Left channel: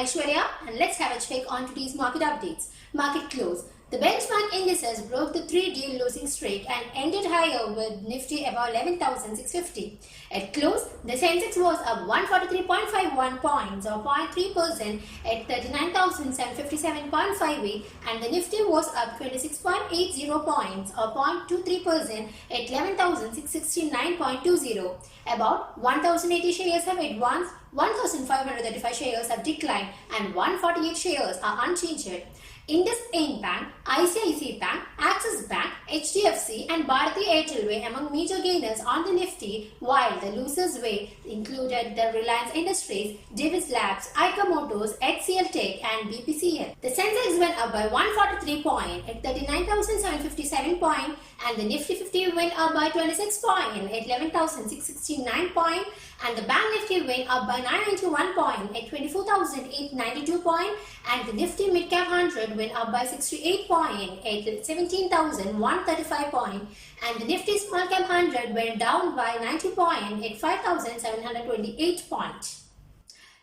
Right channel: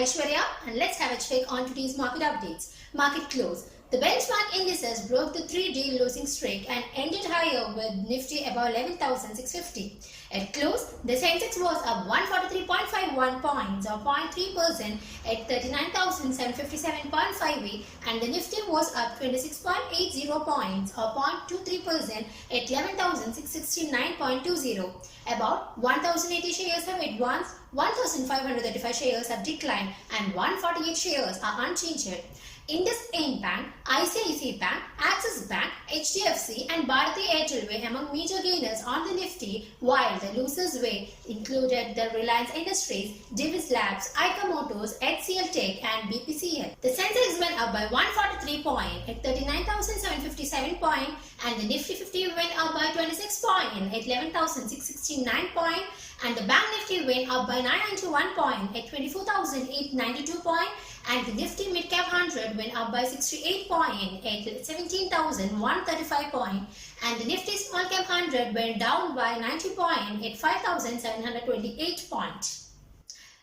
Aishwarya and let's have a check on today's market updates. Market close. The benchmark indices broke the 3-day losing streak and ended higher with Nifty above 11,650. At close, the Sensex was up 143.51 points or 0.3% at 39,757.58 and the Nifty was up 26.80 points or 0.23% at 11,669.20. About 1,080 shares have advanced, 1,535 shares have declined and 148 shares are unchanged. IndusInd Bank, ICICI Bank, Axis Bank, HDFC and Bharti Airtel were among major gainers on the Nifty, while the losers included the Reliance Industries, Divis Labs, Eicher Motors, HCL Tech and BPCL. The Sensex went up by 143 points at 39,757 points and the Nifty 50 went up by 26 points at 11,669 points and the Bank Nifty went up by 991 points at 24,892 points and the Nifty Mid Cap 100 went up by 68 points at 17,135 points and the Nifty Small Cap 100 went down by 90 points at 5,728 points.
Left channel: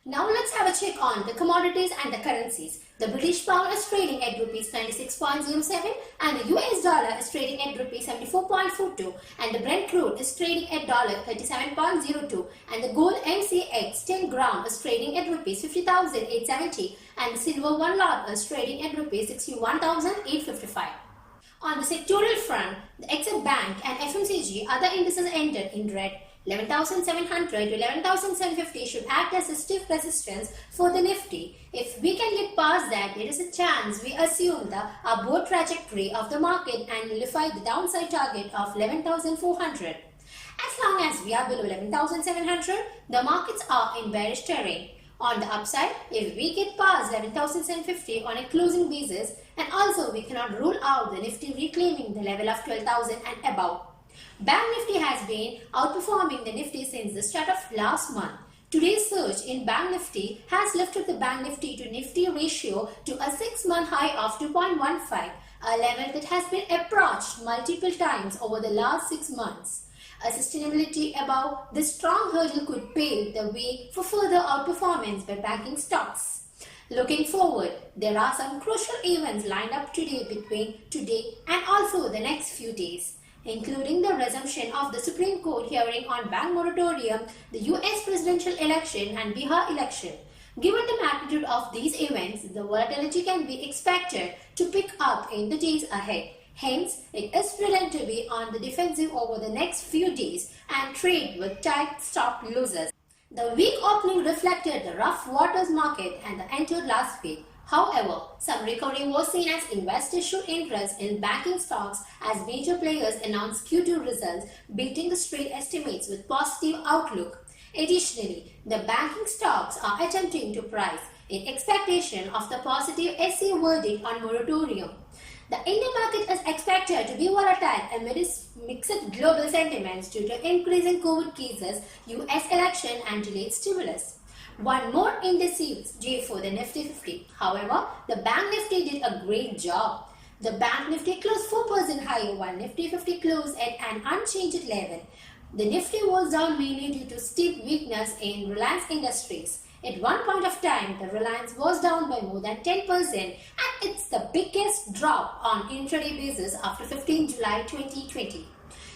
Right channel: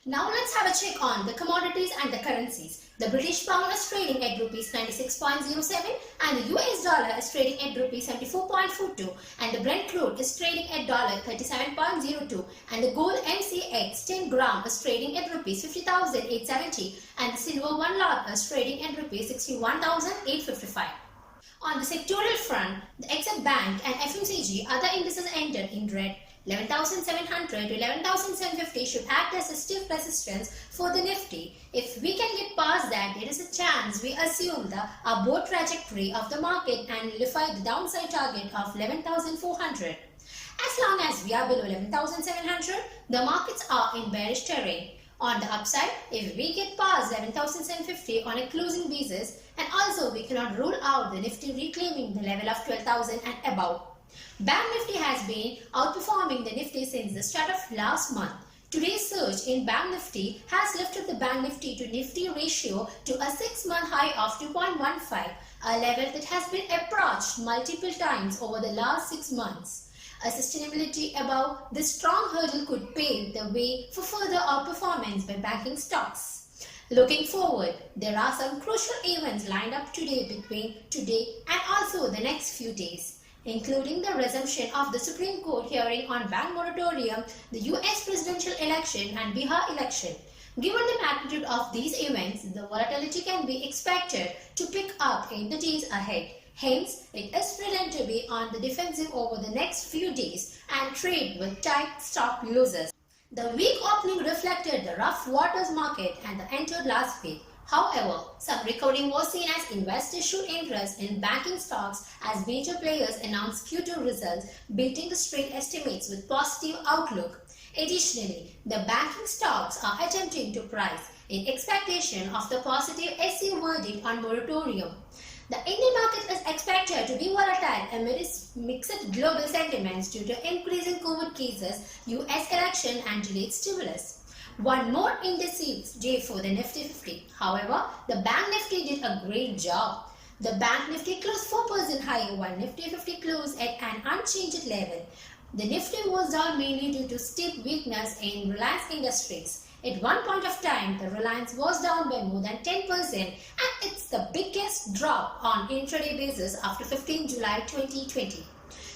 Now let's have a check on the commodities and the currencies. The British pound is trading at Rs 96.07 and the US dollar is trading at Rs 74.42 and the Brent crude is trading at $37.02 and the gold MCX 10 gram is trading at Rs 50,870 and the silver 1 lot is trading at Rs 61,855. On the sectoral front, the HCL Bank and FMCG other indices ended in red. 11,700 to 11,750 should act as a stiff resistance for the Nifty. If we can get past that, there is a chance we assume the upward trajectory of the market and nullify the downside target of 11,400. As long as we are below 11,700, the markets are in bearish terrain. On the upside, if we get past 11,750 on a closing basis, and also we cannot rule out the Nifty reclaiming the level of 12,000 and above. Bank Nifty has been outperforming the Nifty since the start of last month. Today's surge in Bank Nifty has lifted the Bank Nifty to Nifty ratio to a 6-month high of 2.15, a level that has been approached multiple times over the last 6 months. A sustainability above this strong hurdle could pave the way for further outperformance by banking stocks. Looking forward, there are some crucial events lined up between today and also the next few days, including the resumption of the Supreme Court hearing on bank moratorium, the US presidential election and Bihar election. Given the magnitude of these events, the volatility can be expected to pick up in the days ahead. Hence, it is prudent to be on the defensive over the next few days and trade with tight stop losses. The weak opening reflected the rough waters market and the entered last week. However, some recovery was seen as investors showed interest in banking stocks as major players announced Q2 results, beating the street estimates with positive outlook. Additionally, the banking stocks are attempting to price in expectation of the positive SC verdict on moratorium. The Indian market is expected to be volatile amid mixed global sentiments due to increasing COVID cases, US election and delayed stimulus. One more indecisive day for the Nifty 50. However, the Bank Nifty did a great job. The Bank Nifty closed 4% higher while Nifty 50 closed at an unchanged level. The Nifty was down mainly due to steep weakness in Reliance Industries. At one point of time, the Reliance was down by more than 10% and it's the biggest drop on intraday basis after 15 July 2020.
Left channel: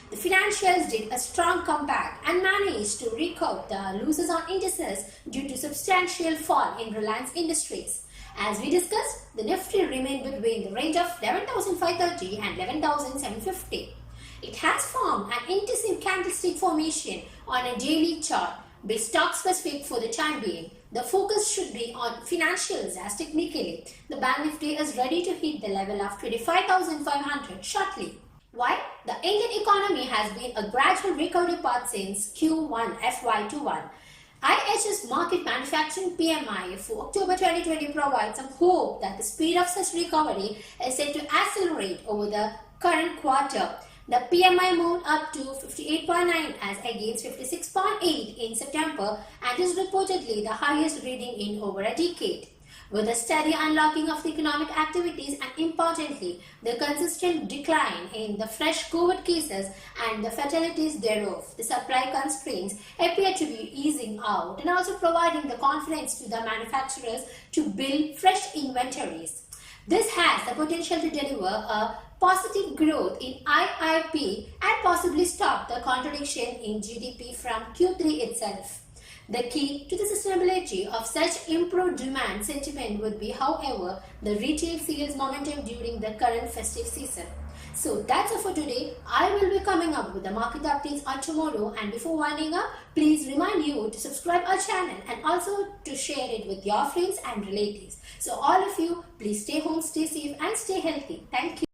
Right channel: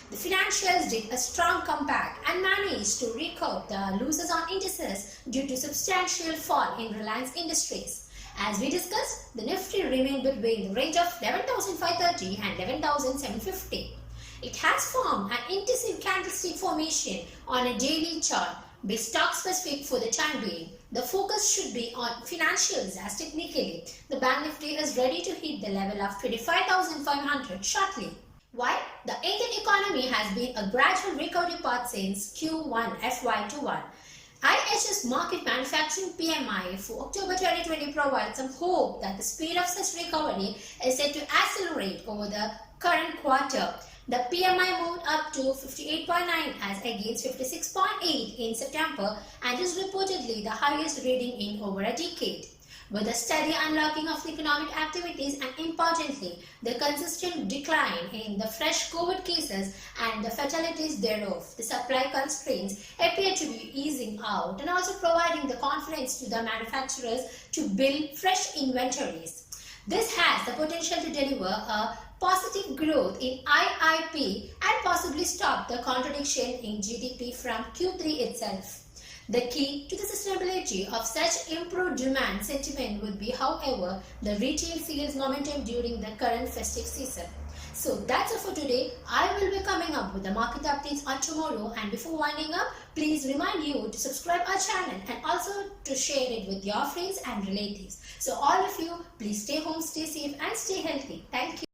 The financials did a strong comeback and managed to recoup the losses on indices due to substantial fall in Reliance Industries. As we discussed, the Nifty remained between the range of 11,530 and 11,750. It has formed an intensive candlestick formation on a daily chart. Be stock specific for the time being. The focus should be on financials as technically the Bank Nifty is ready to hit the level of 25,500 shortly. While the Indian economy has been a gradual recovery path since Q1 FY21, IHS Market Manufacturing PMI for October 2020 provides some hope that the speed of such recovery is set to accelerate over the current quarter. The PMI moved up to 58.9 as against 56.8 in September and is reportedly the highest reading in over a decade. With the steady unlocking of the economic activities and importantly, the consistent decline in the fresh COVID cases and the fatalities thereof, the supply constraints appear to be easing out and also providing the confidence to the manufacturers to build fresh inventories. This has the potential to deliver a positive growth in IIP and possibly stop the contraction in GDP from Q3 itself. The key to the sustainability of such improved demand sentiment would be, however, the retail sales momentum during the current festive season. So that's all for today. I will be coming up with the market updates on tomorrow, and before winding up, please remind you to subscribe our channel and also to share it with your friends and relatives. So all of you, please stay home, stay safe and stay healthy. Thank you.